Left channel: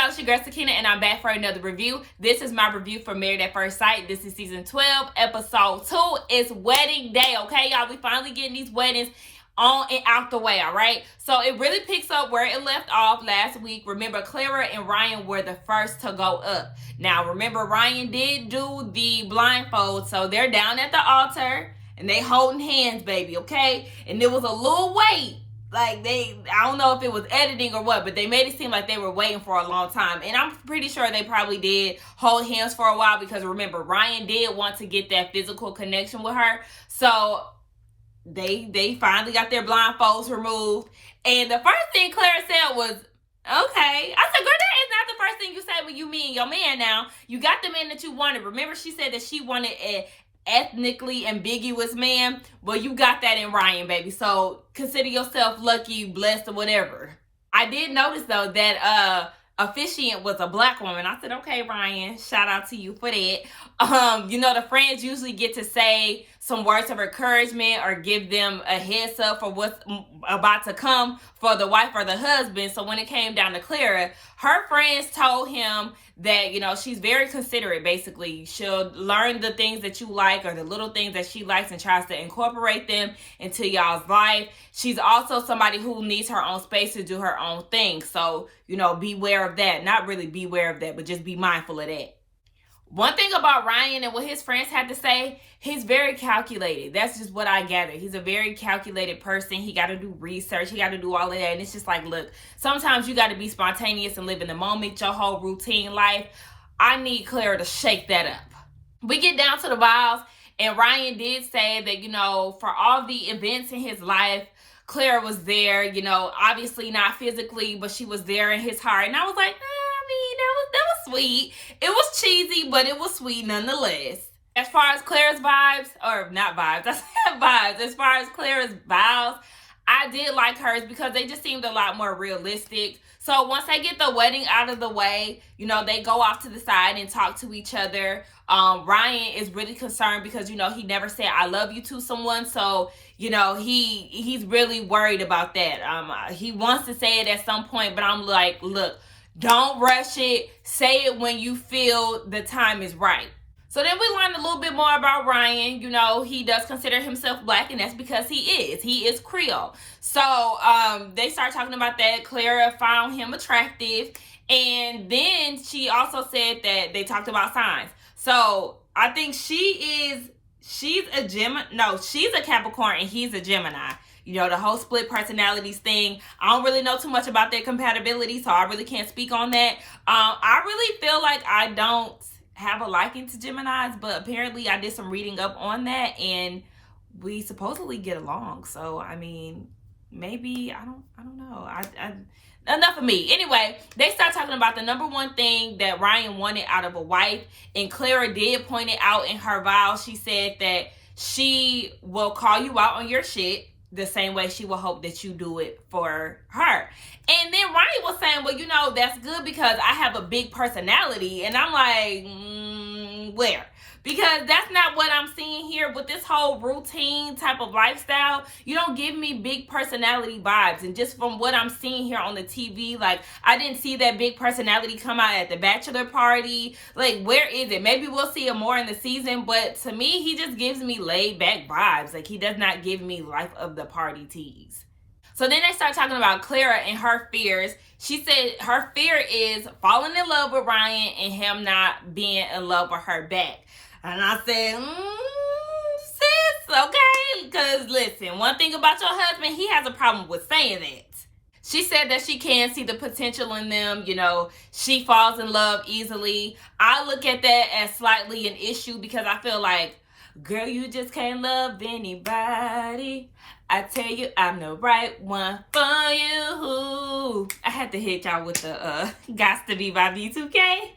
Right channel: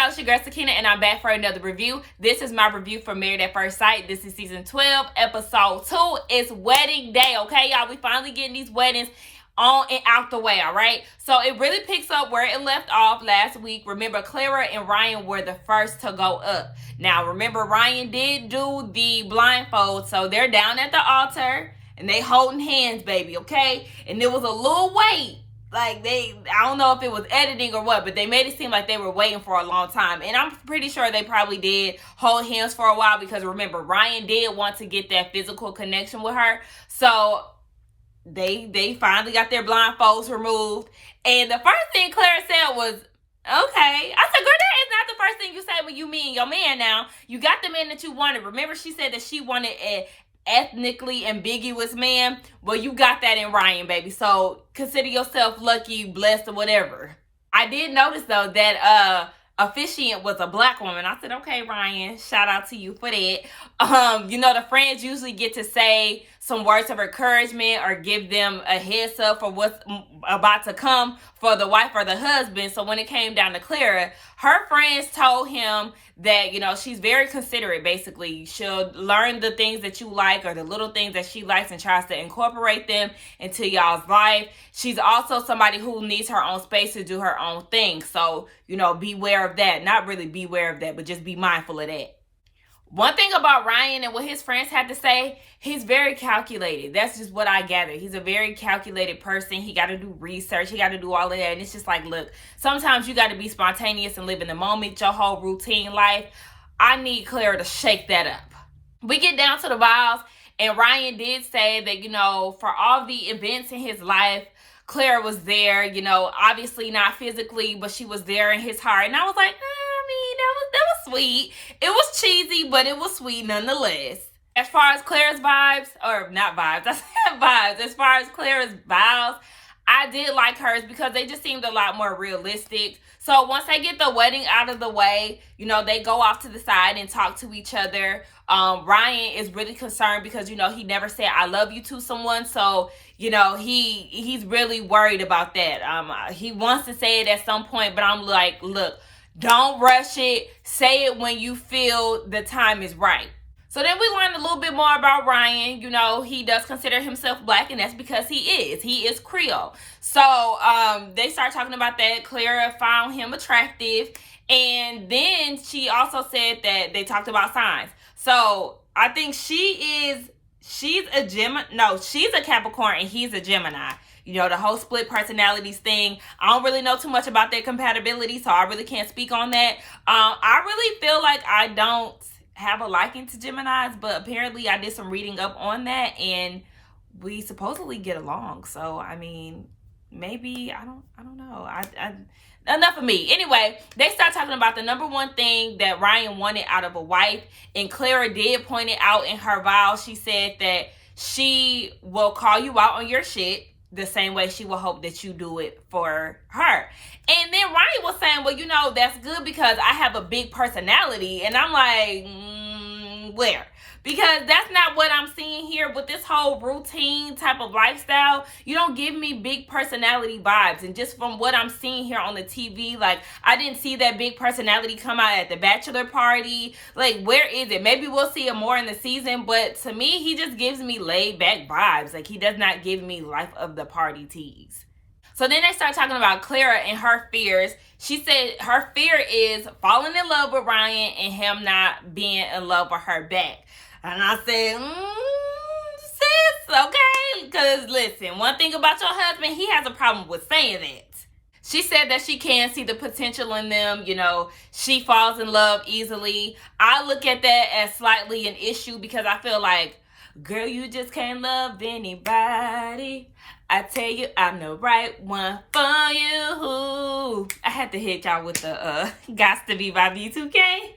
y'all, it's your girl Sakina, and I'm back for another review. This is my review for Married at First Sight. This is season 12, episode 2. It's wedding day, okay, y'all? We finally getting these weddings on and out the way, all right? So it really picks up where it left off last week. Remember, Clara and Ryan were the first to go up. Now, remember, Ryan did do the blindfold, so they're down at the altar, and they holding hands, baby, okay? And there was a little wait. Like, I don't know if it was editing or what, but they made it seem like they were waiting for a long time. And I'm pretty sure they probably did hold hands for a while because, remember, Ryan did want to get that physical connection with her. So they finally got their blindfolds removed. And the first thing Claire said was, okay. I said, girl, that is not the first thing you say when you meet your man now. You got the man that you wanted. Remember, she said that she wanted an ethnically ambiguous man. Well, you got that in Ryan, baby. So consider yourself lucky, blessed, or whatever. I did notice, though, that officiant was a black woman. I said, okay, Ryan, shout out to you for that. You know, the friends usually get to say some words of encouragement or give them a heads up for what's about to come for the wife or the husband. So when it came down to Clara, her friends told him that, you know, she's very considerate, basically. She'll learn the things that you like or the little things that she likes and tries to incorporate them into y'all's life. She's also somebody who needs her own space to do her own thing. So, you know, beware of that. Not really beware of that, but just be mindful of that. One thing about Ryan and what his friends had to say, he's very calculated. That's just what I gathered. He's a very calculated person. He got to do research. He got to do all of that. And it's just like, look, sometimes you got to be spontaneous and live in the moment, your whole routine life. I need Clara to shake that up. We get down to the vows, and Ryan did say that, you know, for all the events in his life, Clara was there, you know, obviously not physically, but she was there in his heart. And I was like, that was sweet. It was cheesy, but it was sweet nonetheless. As far as Clara's vibes, or not vibes, I said vibes. As far as Clara's vows, I did like hers because they just seemed a lot more realistic. So once they get the wedding out of the way, you know, they go off to the side and talk to each other. Ryan is really concerned because, you know, he never said I love you to someone. So, you know, he's really worried about that. He wants to say it at some point, but I'm like, look, don't rush it. Say it when you feel the time is right. So then we learned a little bit more about Ryan. You know, he does consider himself black, and that's because he is. He is Creole. So they start talking about that. Clara found him attractive. And then she also said that they talked about signs. So I think she's a Capricorn and he's a Gemini. You know, the whole split personalities thing. I don't really know too much about their compatibility, so I really can't speak on that. I really feel like I don't have a liking to Geminis, but apparently I did some reading up on that, and we supposedly get along. So, I mean, maybe, I don't know. Enough of me. Anyway, they start talking about the number one thing that Ryan wanted out of a wife, and Clara did point it out in her vows. She said that she will call you out on your shit the same way she will hope that you do it for her. And then Ryan was saying, well, you know, that's good because I have a big personality. And I'm like, where? Because that's not what I'm seeing here with this whole routine type of lifestyle. You don't give me big personality vibes. And just from what I'm seeing here on the TV, like, I didn't see that big personality come out at the bachelor party. Like, where is it? Maybe we'll see it more in the season. But to me, he just gives me laid back vibes. Like, he does not give me life of the party tease. So then they start talking about Clara and her fears. She said her fear is falling in love with Ryan and him not being in love with her back. And I said, sis, okay? Because listen, one thing about your husband, he has a problem with saying that. She said that she can see the potential in them. You know, she falls in love easily. I look at that as slightly an issue because I feel like, girl, you just can't love anybody. I tell you, I'm the right one for you. I had to hit y'all with the Gots to Be by B2K.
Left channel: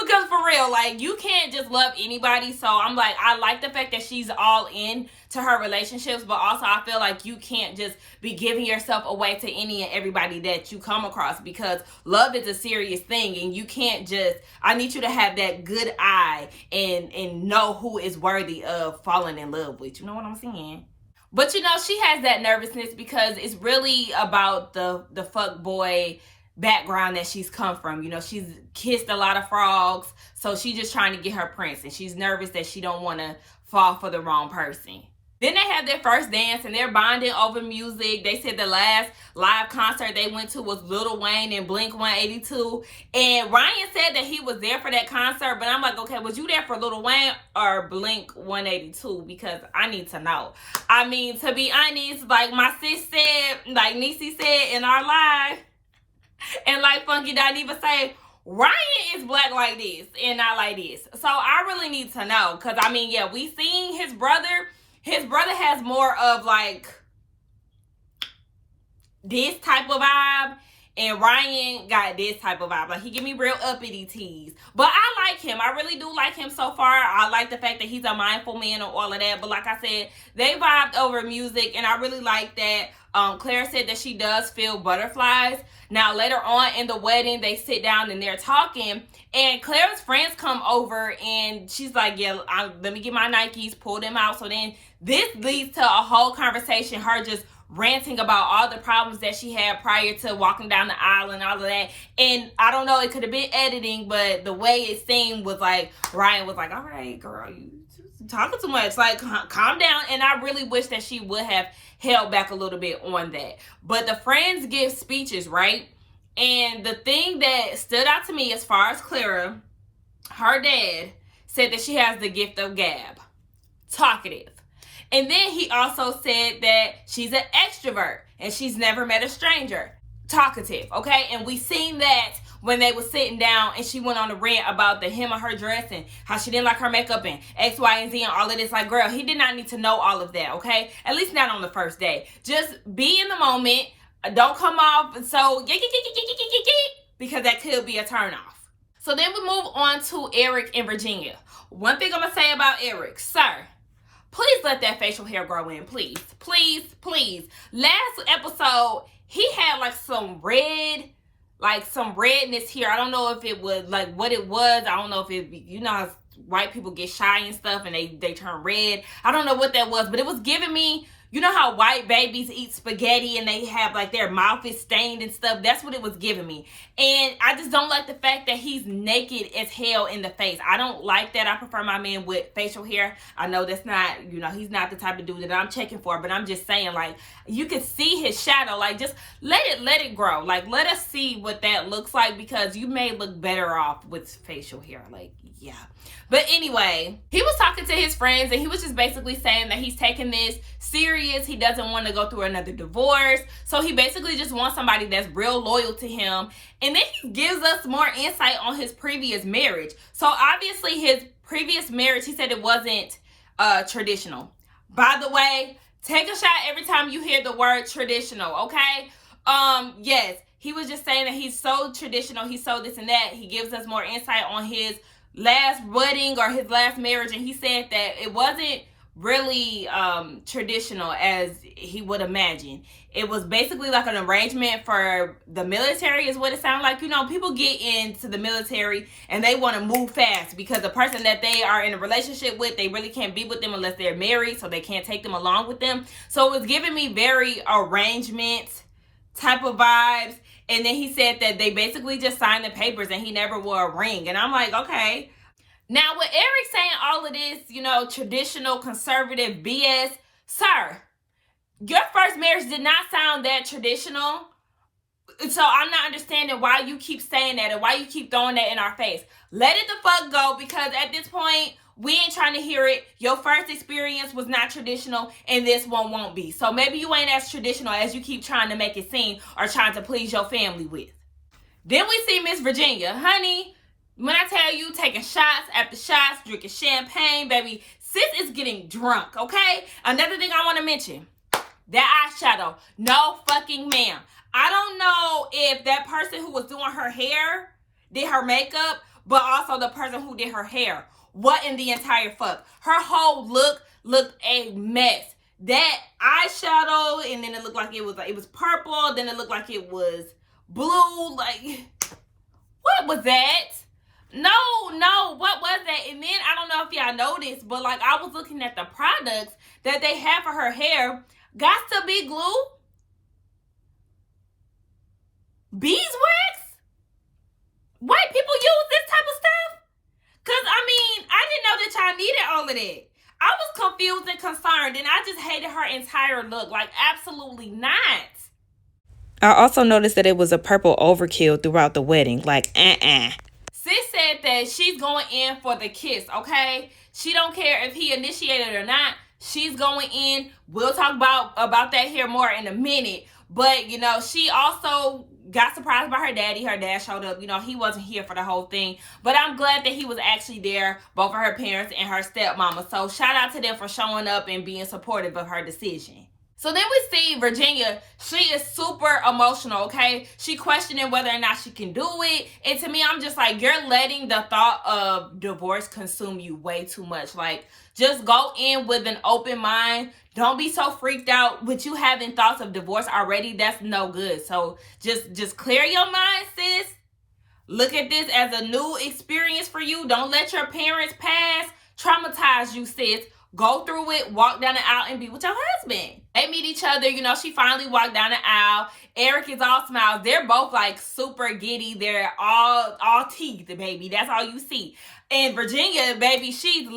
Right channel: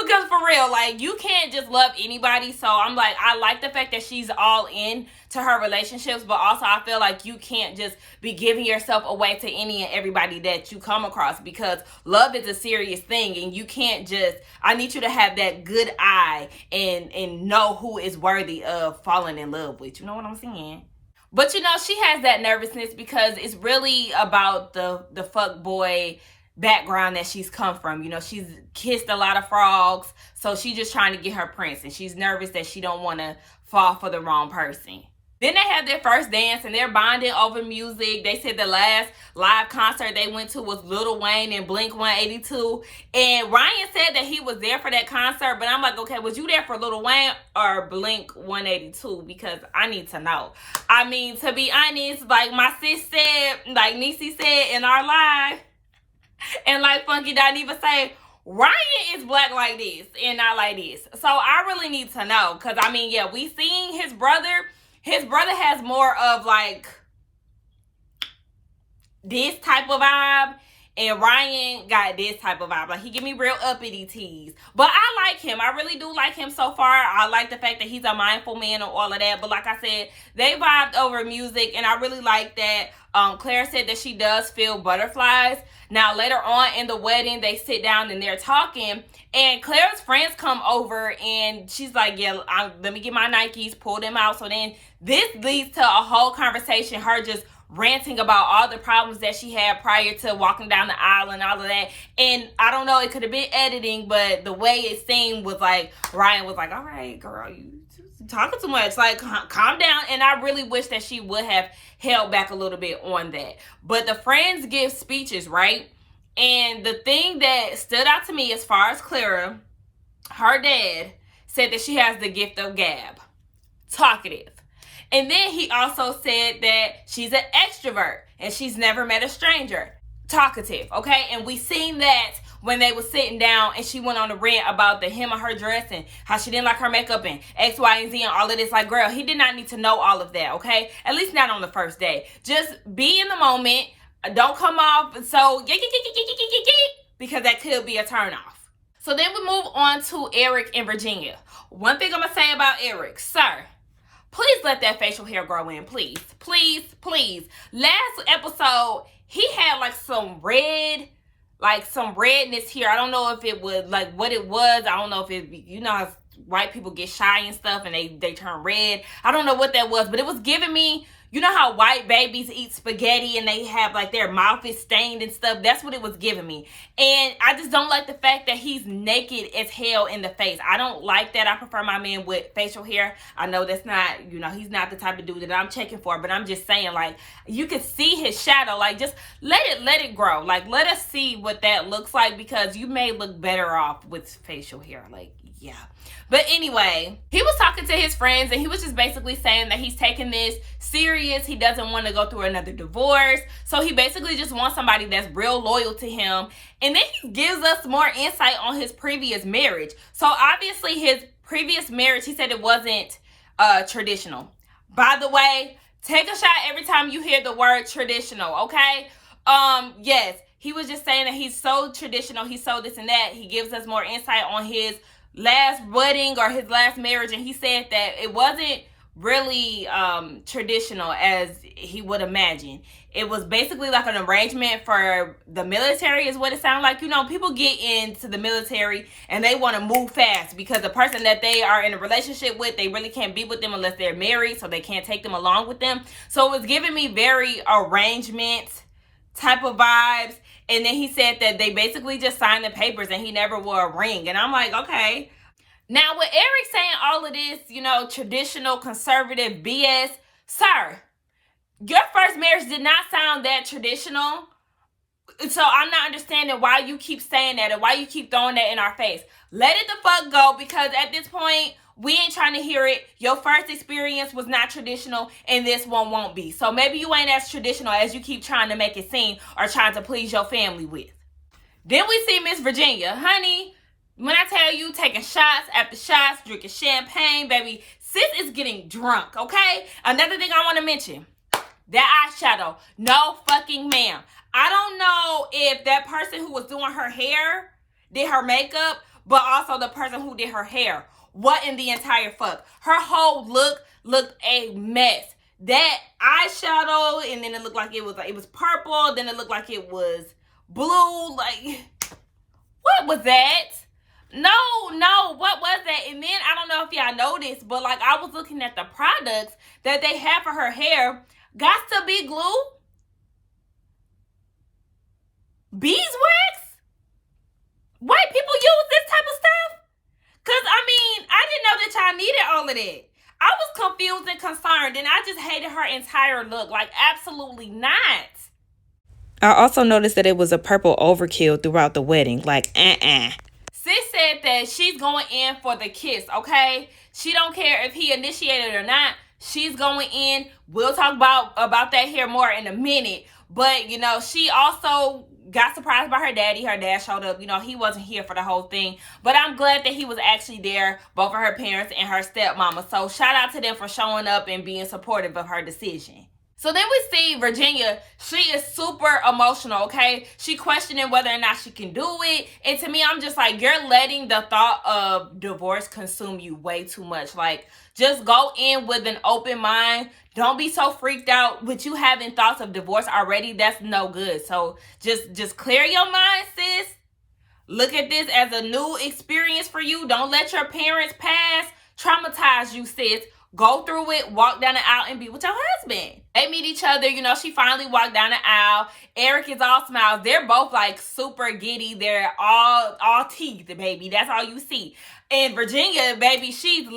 Because for real, like, you can't just love anybody. So I'm like, I like the fact that she's all in to her relationships, but also I feel like you can't just be giving yourself away to any and everybody that you come across, because love is a serious thing, and you can't just, I need you to have that good eye and know who is worthy of falling in love with. You know what I'm saying? But you know, she has that nervousness because it's really about the fuck boy background that she's come from. You know, she's kissed a lot of frogs, so she's just trying to get her prince, and she's nervous that she don't want to fall for the wrong person. Then they have their first dance, and they're bonding over music. They said the last live concert they went to was Lil Wayne and Blink 182. And Ryan said that he was there for that concert, but I'm like, okay, was you there for Lil Wayne or Blink 182? Because I need to know. I mean, to be honest, like my sis said, like Niecy said in our live, and like Funky Dineva say, Ryan is black like this and not like this. So I really need to know. Because, I mean, yeah, we seen his brother. His brother has more of, like, this type of vibe. And Ryan got this type of vibe. Like, he give me real uppity tease. But I like him. I really do like him so far. I like the fact that he's a mindful man and all of that. But like I said, they vibed over music. And I really like that. Clara said that she does feel butterflies. Now, later on in the wedding, they sit down and they're talking. And Clara's friends come over and she's like, yeah, let me get my Nikes, pull them out. So then this leads to a whole conversation, her just ranting about all the problems that she had prior to walking down the aisle and all of that. And I don't know, it could have been editing, but the way it seemed was like, Ryan was like, all right, girl, you talking too much. Like, calm down. And I really wish that she would have held back a little bit on that. But the friends give speeches, right? And the thing that stood out to me as far as Clara, her dad said that she has the gift of gab, talkative. And then he also said that she's an extrovert and she's never met a stranger, talkative, okay? And we seen that when they were sitting down and she went on a rant about the hem of her dress and how she didn't like her makeup and X, Y, and Z and all of this. Like, girl, he did not need to know all of that, okay? At least not on the first day. Just be in the moment. Don't come off so because that could be a turn off. So then we move on to Eric and Virginia. One thing I'm going to say about Eric, sir, please let that facial hair grow in, please. Please, please. Last episode, he had like some red, like some redness here. I don't know if it was like what it was. I don't know if it, you know how white people get shy and stuff and they turn red. I don't know what that was, but it was giving me, you know how white babies eat spaghetti and they have like their mouth is stained and stuff? That's what it was giving me. And I just don't like the fact that he's naked as hell in the face. I don't like that. I prefer my man with facial hair. I know that's not, you know, he's not the type of dude that I'm checking for, but I'm just saying, like, you can see his shadow. Like, just let it grow. Like, let us see what that looks like, because you may look better off with facial hair. Like, yeah. But anyway, he was talking to his friends and he was just basically saying that he's taking this serious. He doesn't want to go through another divorce. So he basically just wants somebody that's real loyal to him. And then he gives us more insight on his previous marriage. So obviously his previous marriage, he said it wasn't traditional. By the way, take a shot every time you hear the word traditional, okay? Yes, he was just saying that he's so traditional. He's so this and that. He gives us more insight on his last wedding or his last marriage, and he said that it wasn't really traditional as he would imagine. It was basically like an arrangement for the military is what it sounded like. You know, people get into the military and they want to move fast because the person that they are in a relationship with, they really can't be with them unless they're married, so they can't take them along with them. So it was giving me very arrangement type of vibes. And then he said that they basically just signed the papers and he never wore a ring. And I'm like, okay. Now, with Eric saying all of this, you know, traditional conservative BS, sir, your first marriage did not sound that traditional. So I'm not understanding why you keep saying that and why you keep throwing that in our face. Let it the fuck go, because at this point, we ain't trying to hear it. Your first experience was not traditional, and this one won't be. So maybe you ain't as traditional as you keep trying to make it seem or trying to please your family with. Then we see Miss Virginia. Honey, when I tell you, taking shots after shots, drinking champagne, baby, sis is getting drunk, okay? Another thing I want to mention, that eyeshadow. No fucking ma'am. I don't know if that person who was doing her hair did her makeup, but also the person who did her hair. What in the entire fuck? Her whole look looked a mess. That eyeshadow, and then it looked like it was purple. Then it looked like it was blue. Like, what was that? No, what was that? And then I don't know if y'all noticed, but like I was looking at the products that they have for her hair. Got to be glue. Beeswax? White people use this type of stuff? Because, I mean, I didn't know that y'all needed all of that. I was confused and concerned, and I just hated her entire look. Like, absolutely not. I also noticed that it was a purple overkill throughout the wedding. Like, Sis said that she's going in for the kiss, okay? She don't care if he initiated or not. She's going in. We'll talk about that here more in a minute. But, you know, she also got surprised by her daddy. Her dad showed up. You know, he wasn't here for the whole thing. But I'm glad that he was actually there, both of her parents and her stepmama. So shout out to them for showing up and being supportive of her decision. So then we see Virginia. She is super emotional, okay? She questioning whether or not she can do it. And to me, I'm just like, you're letting the thought of divorce consume you way too much. Like, just go in with an open mind. Don't be so freaked out with you having thoughts of divorce already. That's no good. So just clear your mind, sis. Look at this as a new experience for you. Don't let your parents' past traumatize you, sis. Go through it, walk down the aisle, and be with your husband. They meet each other. You know, she finally walked down the aisle. Eric is all smiles. They're both like super giddy. They're all teeth, baby. That's all you see. And Virginia, baby, she's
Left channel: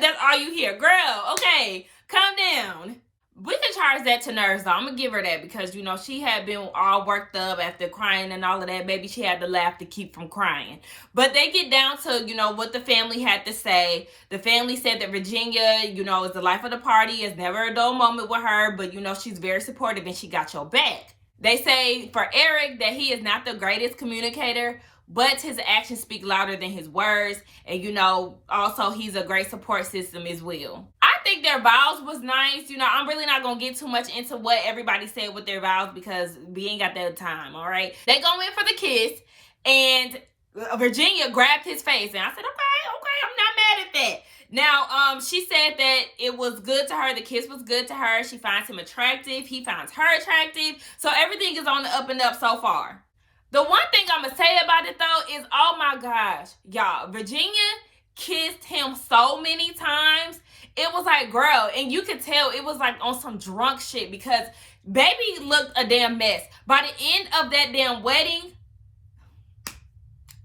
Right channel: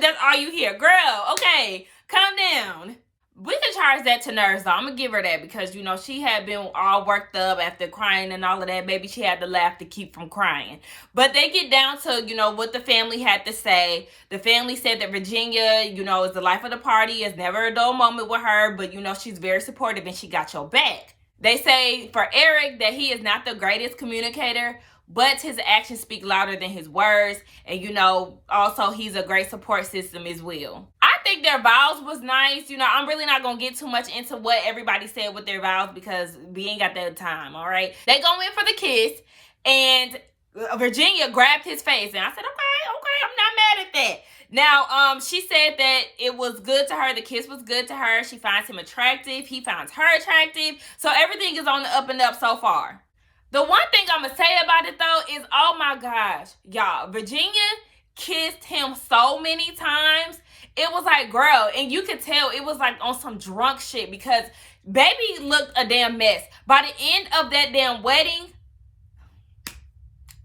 that's all you hear. Girl, okay, calm down. We can charge that to nerves, though. I'm going to give her that because, you know, she had been all worked up after crying and all of that. Maybe she had to laugh to keep from crying. But they get down to, you know, what the family had to say. The family said that Virginia, you know, is the life of the party. It's never a dull moment with her. But, you know, she's very supportive and she got your back. They say for Eric that he is not the greatest communicator, but his actions speak louder than his words. And, you know, also he's a great support system as well. I think their vows was nice. You know, I'm really not going to get too much into what everybody said with their vows because we ain't got that time, all right? They go in for the kiss, and Virginia grabbed his face. And I said, okay, I'm not mad at that. Now, she said that it was good to her. The kiss was good to her. She finds him attractive. He finds her attractive. So everything is on the up and up so far. The one thing I'm going to say about it, though, is, oh, my gosh, y'all, Virginia kissed him so many times. It was like, girl, and you could tell it was like on some drunk shit because baby looked a damn mess. By the end of that damn wedding,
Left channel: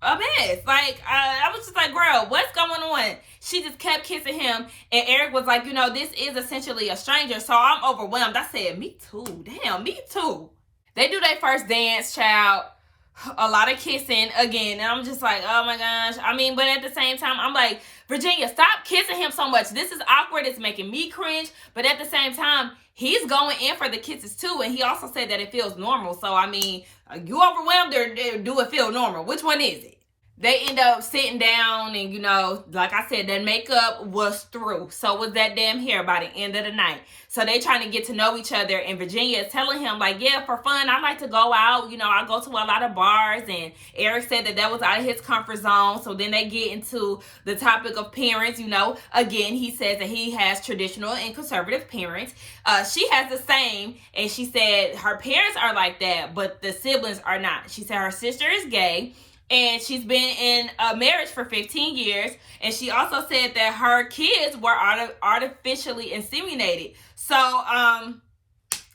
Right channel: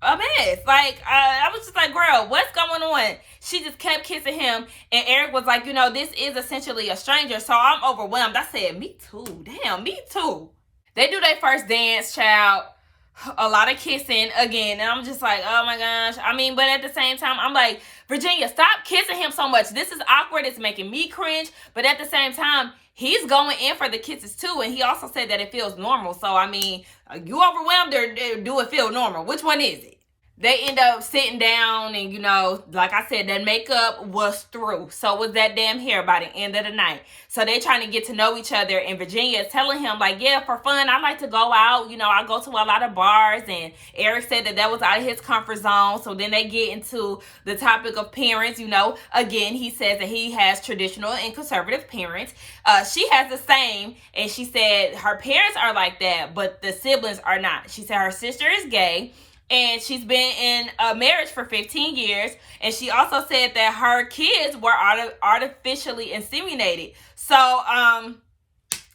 a mess. Like, I was just like, girl, what's going on? She just kept kissing him, and Eric was like, you know, this is essentially a stranger, so I'm overwhelmed. I said, me too. Damn, me too. They do their first dance, child. A lot of kissing again, and I'm just like, oh my gosh. I mean, but at the same time, I'm like, Virginia, stop kissing him so much. This is awkward. It's making me cringe. But at the same time, he's going in for the kisses too, and he also said that it feels normal. So, I mean, you overwhelmed or do it feel normal? Which one is it? They end up sitting down, and, you know, like I said, that makeup was through. So was that damn hair by the end of the night. So they trying to get to know each other, and Virginia is telling him, like, yeah, for fun, I like to go out. You know, I go to a lot of bars, and Eric said that was out of his comfort zone. So then they get into the topic of parents. You know, again, he says that he has traditional and conservative parents. She has the same, and she said her parents are like that, but the siblings are not. She said her sister is gay, and she's been in a marriage for 15 years. And she also said that her kids were artificially inseminated. So,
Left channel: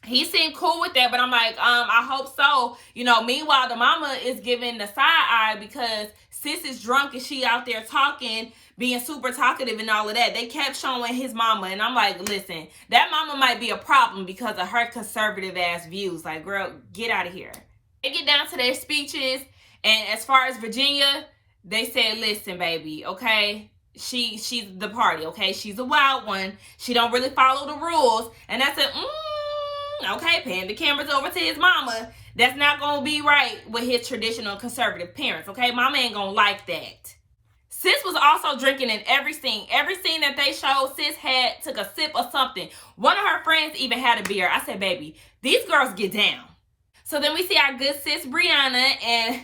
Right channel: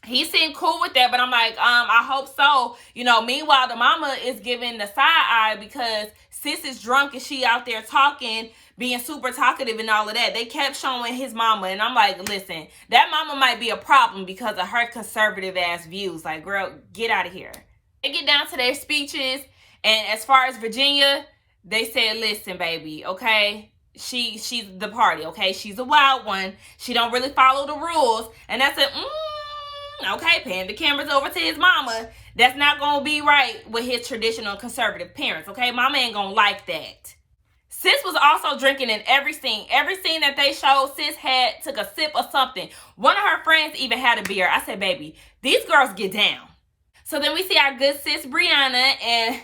he seemed cool with that. But I'm like, I hope so. You know, meanwhile, the mama is giving the side eye because sis is drunk and she out there talking, being super talkative and all of that. They kept showing his mama. And I'm like, listen, that mama might be a problem because of her conservative ass views. Like, girl, get out of here. They get down to their speeches. And as far as Virginia, they said, listen, baby, okay? She's the party, okay? She's a wild one. She don't really follow the rules. And I said, okay, pan the cameras over to his mama. That's not going to be right with his traditional conservative parents, okay? Mama ain't going to like that. Sis was also drinking in every scene. Every scene that they showed, sis took a sip of something. One of her friends even had a beer. I said, baby, these girls get down. So then we see our good sis, Brianna, and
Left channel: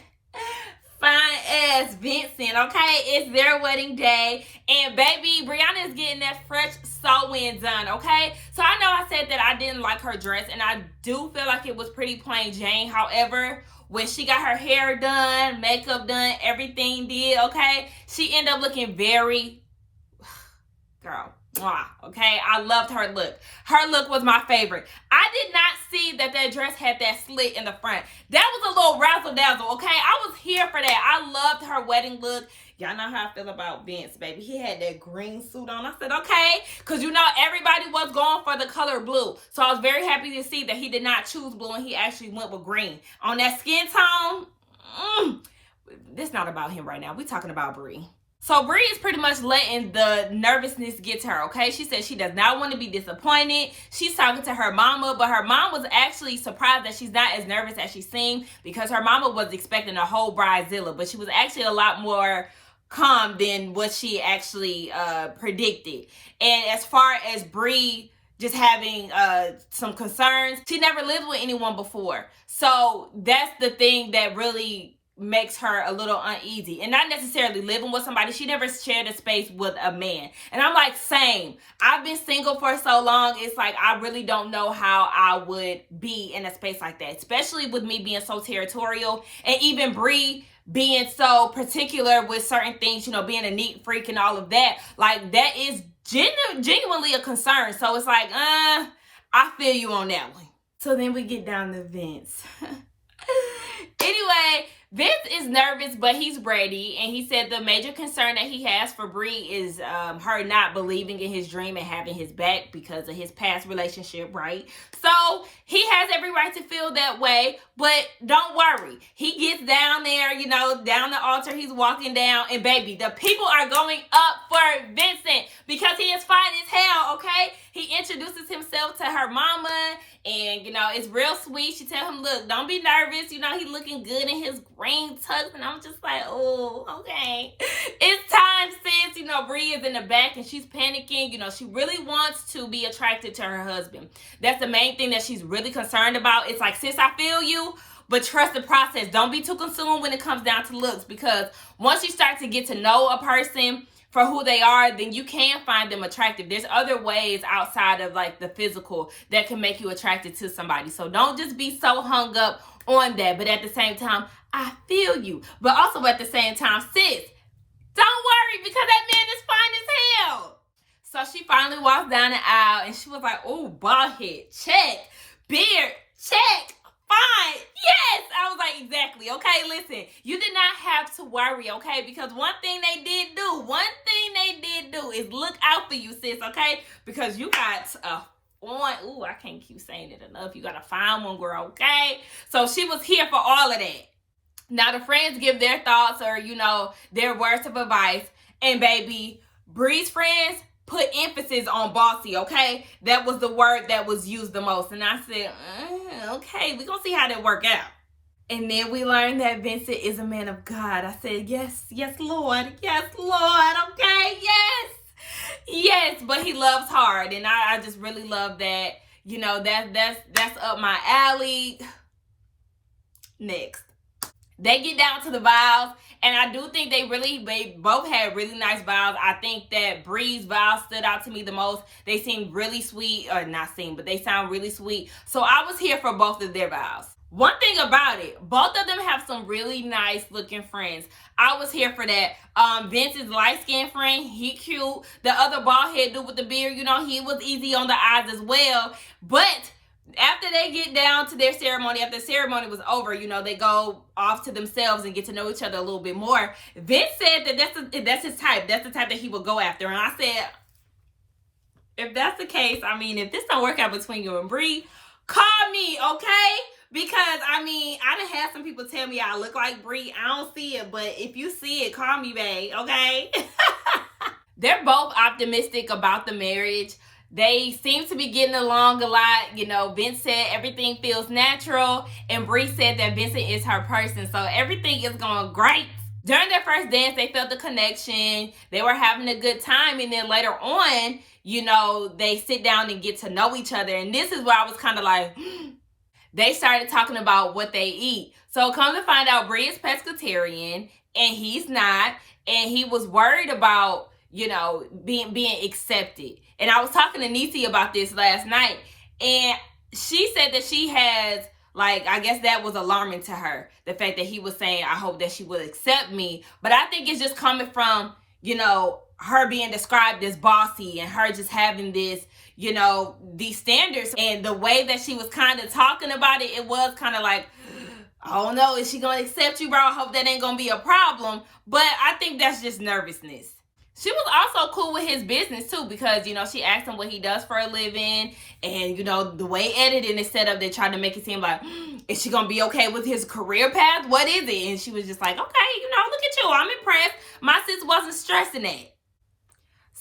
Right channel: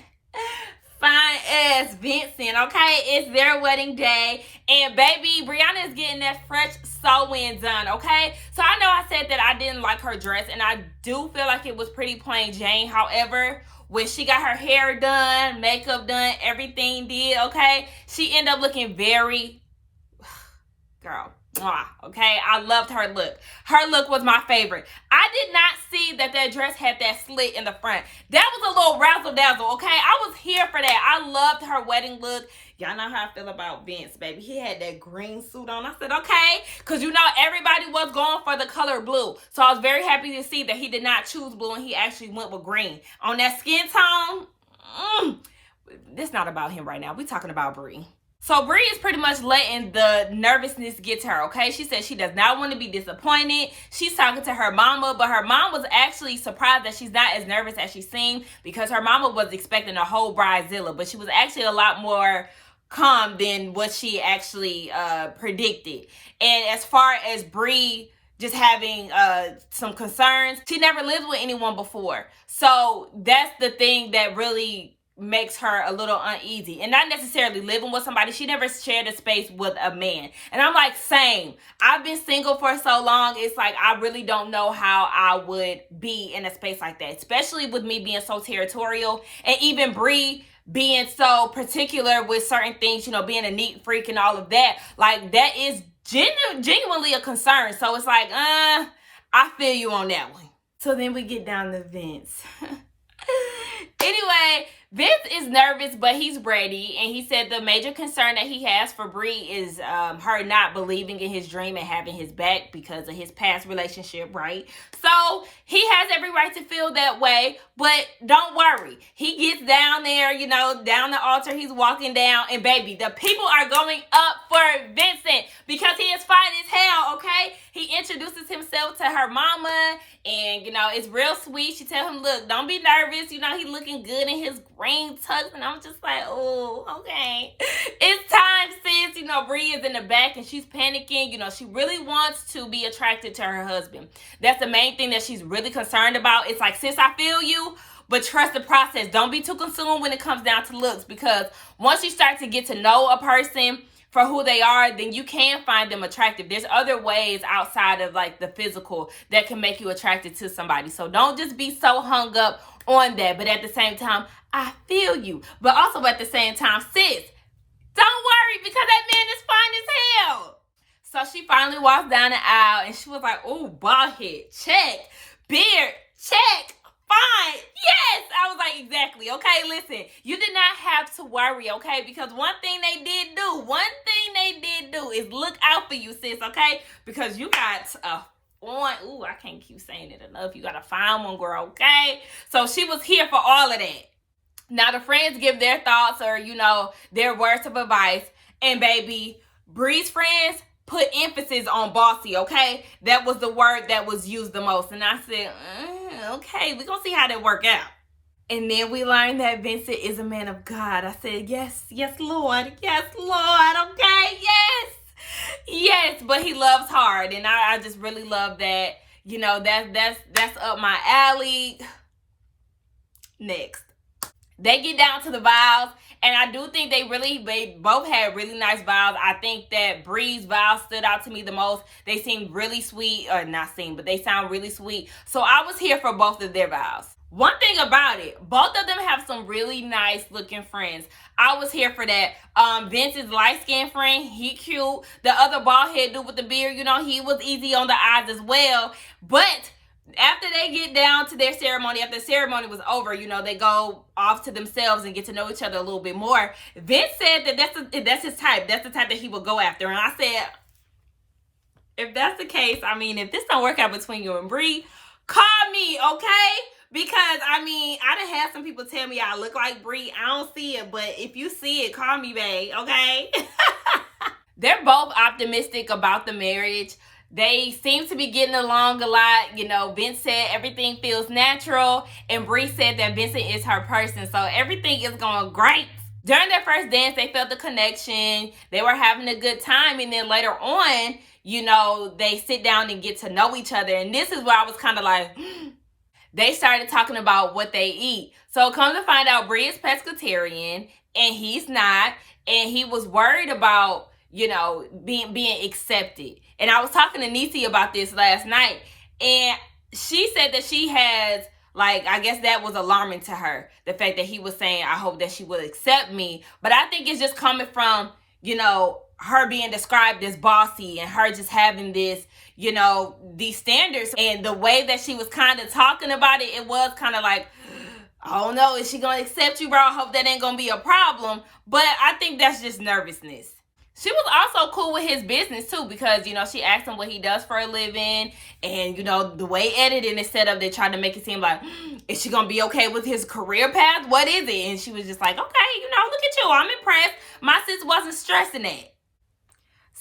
fine ass Vincent, okay? It's their wedding day. And baby, Brianna is getting that fresh sewing done, okay? So I know I said that I didn't like her dress, and I do feel like it was pretty plain Jane. However, when she got her hair done, makeup done, everything did, okay? She ended up looking very, girl, Okay, I loved her look. Her look was my favorite. I did not see that dress had that slit in the front. That was a little razzle dazzle. Okay, I was here for that. I loved her wedding look. Y'all know how I feel about Vince, baby. He had that green suit on. I said, okay, because you know everybody was going for the color blue. So I was very happy to see that he did not choose blue and he actually went with green. On that skin tone, this not about him right now. We talking about Brie. So Brie is pretty much letting the nervousness get to her, okay? She said she does not want to be disappointed. She's talking to her mama, but her mom was actually surprised that she's not as nervous as she seemed because her mama was expecting a whole bridezilla, but she was actually a lot more calm than what she actually predicted. And as far as Brie just having some concerns, she never lived with anyone before. So that's the thing that really makes her a little uneasy, and not necessarily living with somebody. She never shared a space with a man, and I'm like, same. I've been single for so long. It's like I really don't know how I would be in a space like that, especially with me being so territorial, and even Brie being so particular with certain things, you know, being a neat freak and all of that. Like, that is genuinely a concern. So it's like, I feel you on that one. So then we get down to Vince. Anyway, Vince is nervous, but he's ready. And he said the major concern that he has for Brie is her not believing in his dream and having his back because of his past relationship, right? So he has every right to feel that way, but don't worry. He gets down there, you know, down the altar. He's walking down, and baby, the people are going up for Vincent because he is fine as hell, okay? He introduces himself to her mama, and, you know, it's real sweet. She tells him, look, don't be nervous. You know, he's looking good in his green tux. And I'm just like, oh, okay. It's time, sis. You know, Brie is in the back and she's panicking. You know, she really wants to be attracted to her husband. That's the main thing that she's really concerned about. It's like, sis, I feel you, but trust the process. Don't be too consumed when it comes down to looks, because once you start to get to know a person for who they are, then you can find them attractive. There's other ways outside of like the physical that can make you attracted to somebody. So don't just be so hung up on that. But at the same time, I feel you. But also at the same time, sis, don't worry, because that man is fine as hell. So she finally walks down the aisle and she was like, oh, bald head, check. Beard, check. Fine. Yes. I was like, exactly. Okay, listen, you did not have to worry, okay? Because one thing they did do is look out for you, sis, okay? Because you got I can't keep saying it enough. You got to find one, girl, okay? So she was here for all of that. Now the friends give their thoughts or, you know, their words of advice. And baby, Brie's friends put emphasis on bossy, okay? That was the word that was used the most. And I said, okay, we're going to see how that work out. And then we learned that Vincent is a man of God. I said, yes, Lord. Yes, Lord. Okay, yes, but he loves hard. And I just really love that. You know, that's up my alley. Next. They get down to the vows. And I do think they both had really nice vows. I think that Brie's vows stood out to me the most. They seemed really sweet, or not seem, but they sound really sweet. So I was here for both of their vows. One thing about it, both of them have some really nice looking friends. I was here for that. Vince's light-skinned friend, he cute. The other bald head dude with the beard, you know, he was easy on the eyes as well. But after they get down to their ceremony, after the ceremony was over, you know, they go off to themselves and get to know each other a little bit more. Vince said that that's his type. That's the type that he would go after. And I said, if that's the case, I mean, if this don't work out between you and Brie, call me, okay? Because, I mean, I done had some people tell me I look like Brie. I don't see it, but if you see it, call me, babe, okay? They're both optimistic about the marriage. They seem to be getting along a lot. You know, Vince said everything feels natural, and Brie said that Vincent is her person. So everything is going great. During their first dance, they felt the connection. They were having a good time. And then later on, you know, they sit down and get to know each other. And this is where I was kind of like, they started talking about what they eat. So come to find out, Brie is pescatarian and he's not. And he was worried about, you know, being accepted. And I was talking to Niecy about this last night. And she said that she has, like, I guess that was alarming to her. The fact that he was saying, I hope that she would accept me. But I think it's just coming from, you know, her being described as bossy and her just having this, you know, these standards. And the way that she was kind of talking about it, it was kind of like, I don't know, is she going to accept you, bro? I hope that ain't going to be a problem. But I think that's just nervousness. She was also cool with his business, too, because, you know, she asked him what he does for a living. And, you know, the way editing is set up, they tried to make it seem like, is she going to be okay with his career path? What is it? And she was just like, okay, you know, look at you. I'm impressed. My sis wasn't stressing it.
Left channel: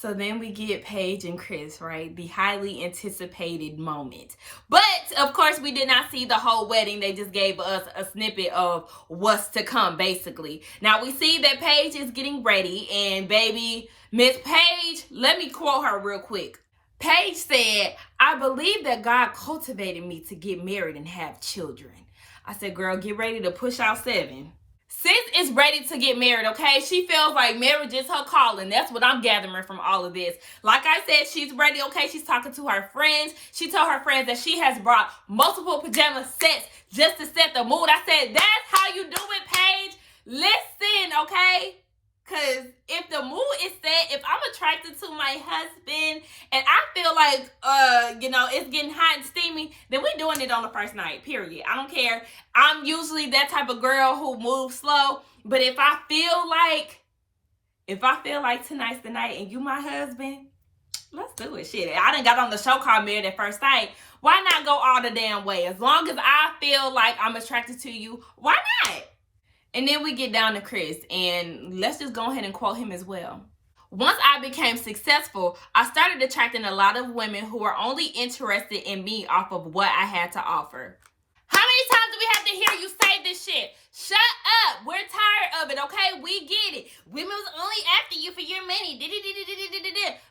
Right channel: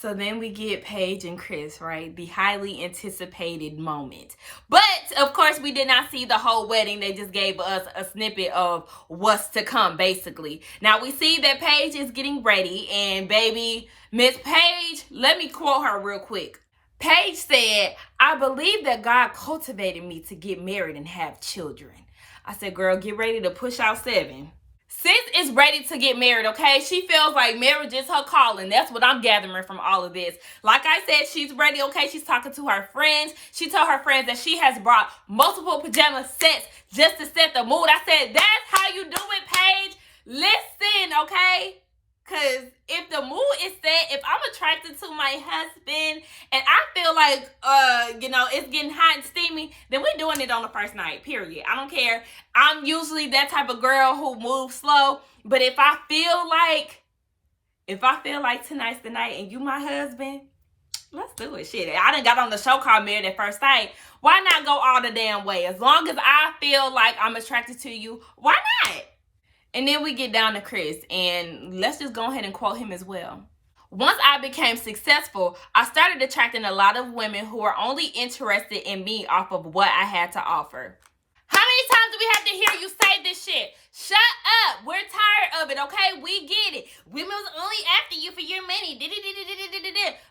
So then we get Paige and Chris, right? The highly anticipated moment. But, of course, we did not see the whole wedding. They just gave us a snippet of what's to come, basically. Now, we see that Paige is getting ready. And, baby, Miss Paige, let me quote her real quick. Paige said, I believe that God cultivated me to get married and have children. I said, girl, get ready to push out 7. Sis is ready to get married, okay? She feels like marriage is her calling. That's what I'm gathering from all of this. Like I said, she's ready, okay? She's talking to her friends. She told her friends that she has brought multiple pajama sets just to set the mood. I said, that's how you do it, Paige. Listen, okay? Because if the mood is set, if I'm attracted to my husband and I feel like, you know, it's getting hot and steamy, then we're doing it on the first night, period. I don't care. I'm usually that type of girl who moves slow. But if I feel like tonight's the night and you my husband, let's do it. Shit, I done got on the show called Married at First Sight. Why not go all the damn way? As long as I feel like I'm attracted to you, why not? And then we get down to Chris, and let's just go ahead and quote him as well. Once I became successful, I started attracting a lot of women who were only interested in me off of what I had to offer. How many times do we have to hear you say this shit? Shut up. We're tired of it, okay? We get it. Women was only after you for your money.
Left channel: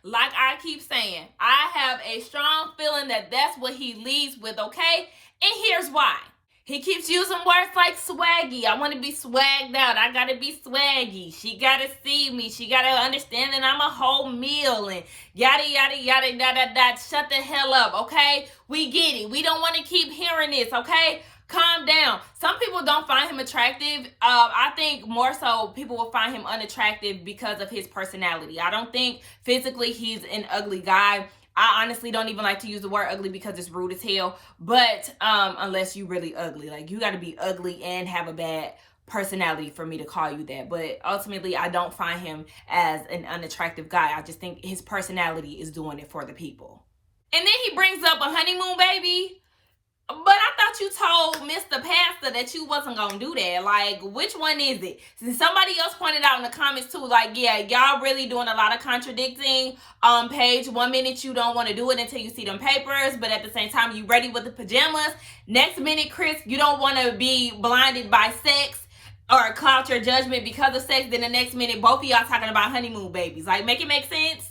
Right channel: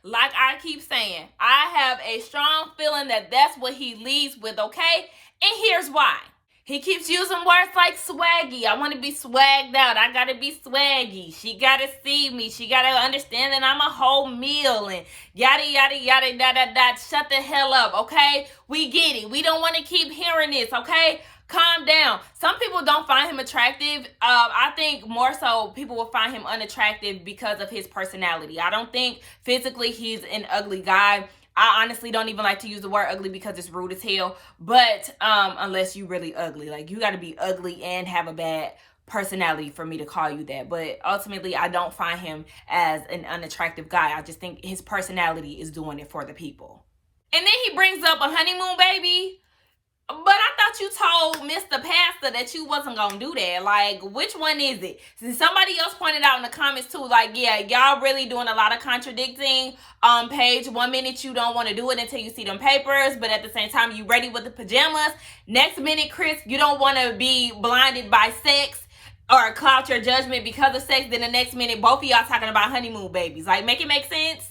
Like I keep saying, I have a strong feeling that that's what he leads with, okay? And here's why. He keeps using words like swaggy. I want to be swagged out. I got to be swaggy. She got to see me. She got to understand that I'm a whole meal and yada, yada, yada, yada, yada. Shut the hell up, okay? We get it. We don't want to keep hearing this, okay? Calm down. Some people don't find him attractive. I think more so people will find him unattractive because of his personality. I don't think physically he's an ugly guy. I honestly don't even like to use the word ugly because it's rude as hell. But unless you really ugly. Like, you got to be ugly and have a bad personality for me to call you that. But ultimately, I don't find him as an unattractive guy. I just think his personality is doing it for the people. And then he brings up a honeymoon baby. But I thought you told Mr. Pastor that you wasn't going to do that. Like, which one is it? Since somebody else pointed out in the comments too, like, yeah, y'all really doing a lot of contradicting. Paige, 1 minute you don't want to do it until you see them papers, but at the same time, you ready with the pajamas. Next minute, Chris, you don't want to be blinded by sex or cloud your judgment because of sex. Then the next minute, both of y'all talking about honeymoon babies. Like, make it make sense?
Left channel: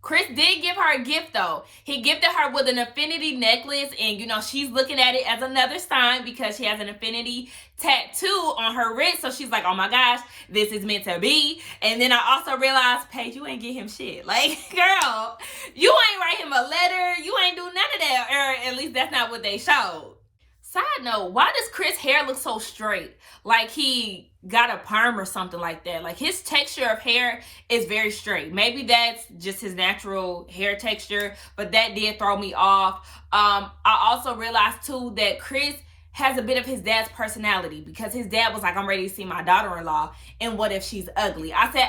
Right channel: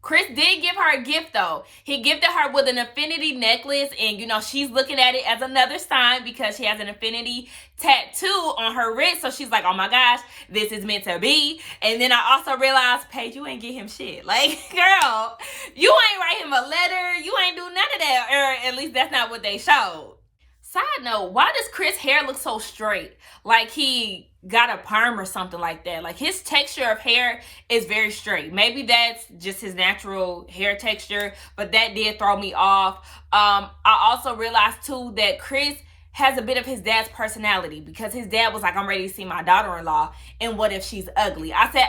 Chris did give her a gift, though. He gifted her with an infinity necklace, and, you know, she's looking at it as another sign because she has an infinity tattoo on her wrist. So she's like, oh, my gosh, this is meant to be. And then I also realized, Paige, you ain't get him shit. Like, girl, you ain't write him a letter. You ain't do none of that, or at least that's not what they showed. Side note, why does Chris' hair look so straight? Like he got a perm or something like that. Like his texture of hair is very straight. Maybe that's just his natural hair texture, but that did throw me off. I also realized too that Chris has a bit of his dad's personality because his dad was like, I'm ready to see my daughter-in-law, and what if she's ugly? I said,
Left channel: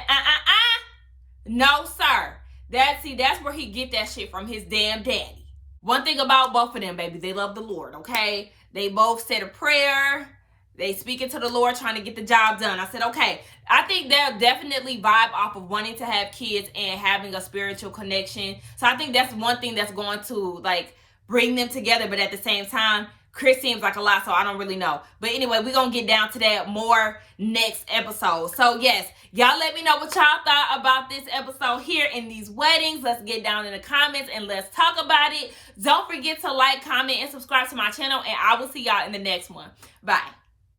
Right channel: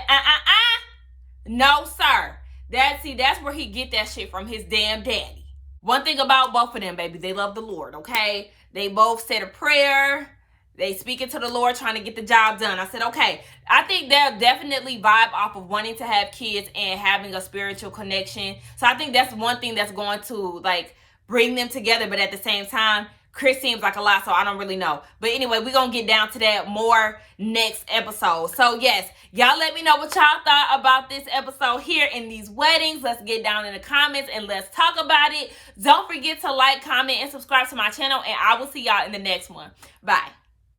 no, sir. That's where he get that shit from, his damn daddy. One thing about both of them, baby, they love the Lord, okay? They both said a prayer. They speaking to the Lord, trying to get the job done. I said, okay, I think they'll definitely vibe off of wanting to have kids and having a spiritual connection. So I think that's one thing that's going to, like, bring them together. But at the same time, Chris seems like a lot, so I don't really know. But anyway, we're going to get down to that more next episode. So, yes, y'all let me know what y'all thought about this episode here in these weddings. Let's get down in the comments and let's talk about it. Don't forget to like, comment, and subscribe to my channel. And I will see y'all in the next one. Bye.